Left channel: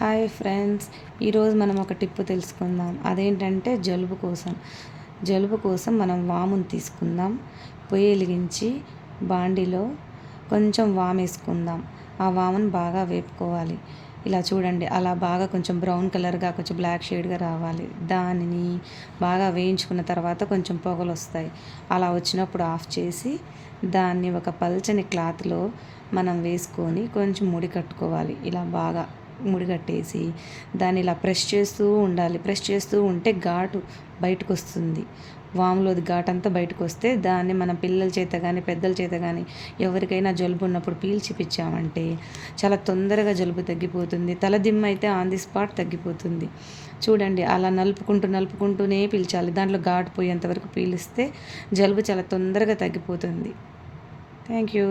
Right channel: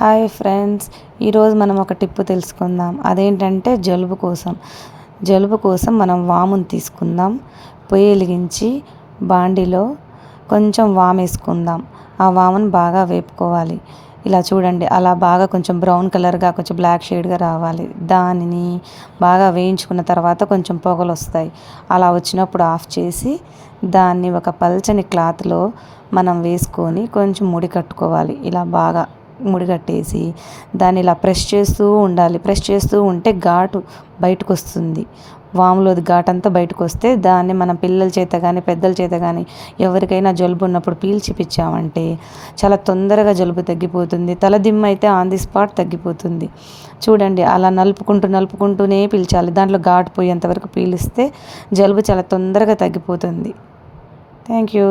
Hi friends, ఈరోజు మనం ఒక టిప్ తెలుసుకుందాం. అదేంటంటే జలుబు కోసం మనం వామును తీసుకుందాం. పొయ్యి వెలిగించి బాండిలో కొంచెం వాము వేసుకుందాం. ఆ వామును బాగా వేపుకోవాలి. ఇలా చూడండి, అలా బాగా కొంచెం బ్రౌన్ కలర్గా, కొంచెం బ్లాక్ షేడ్గా రావాలి. దానిని బాగా వేయించుకున్న తర్వాత కొంచెం పొగలు వస్తాయి. అలా వచ్చినప్పుడు ఆఫ్ చేసి దాన్ని ఒక పల్చని క్లాత్లో మనం వేసుకొని కొంచెం ముడి కట్టుకోవాలి. ఇలా బాగా ముడి కట్టేసి దాన్ని ఇలా ప్రెస్ చేస్తూ ఉండాలి. ప్రెస్ చేస్తూ ఉంటే ఘాటు బయటకు వస్తుంది. వాములోది ఘాటు అంతా బయటకు వస్తే దాన్ని మనం పిల్లల చేత కానీ పెద్దల చేత కానీ ఎవరికైనా జలుబు ఉన్నప్పుడు పీల్చిపిచ్చామంటే చాలా తొందరగా జలుబు తగ్గిపోతుంది. తలదిమ్మ అయితే ఆన్ ది స్పాట్ తగ్గిపోతుంది. చూడండి, అలా నలుపుకుంటూనే పీల్చాలి. దాంట్లో ఘాటు పోయేంతవరకు పీలిస్తే జలుబు చాలా తొందరగా తగ్గిపోతుంది. Thank you.